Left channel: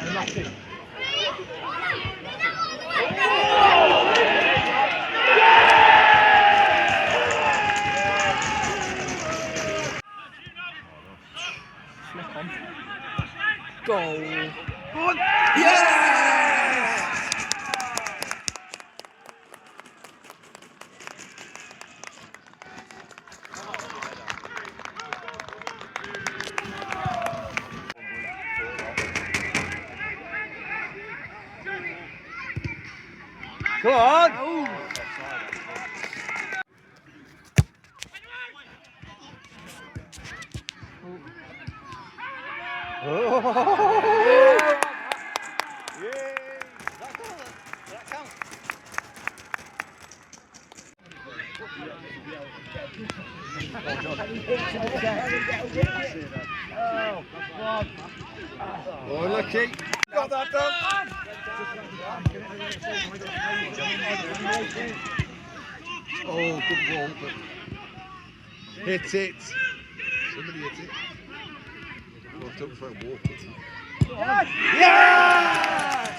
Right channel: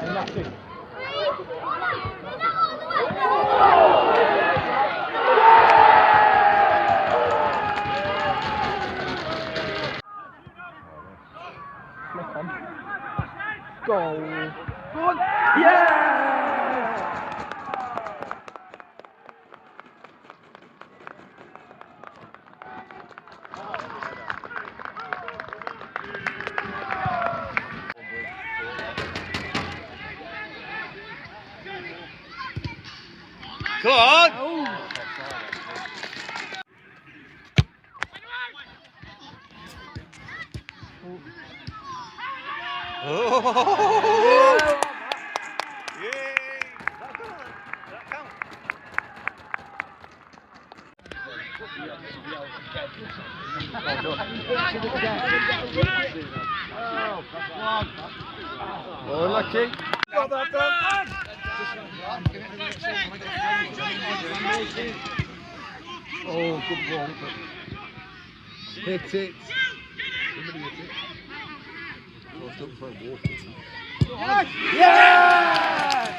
Unlucky. Flick on. Goal. Yes! Come on! Oh! Oh, lucky. Got that done. Oh, good ball. Hit it. Somebody hit it. Oh, don't try and walk it. Yeah!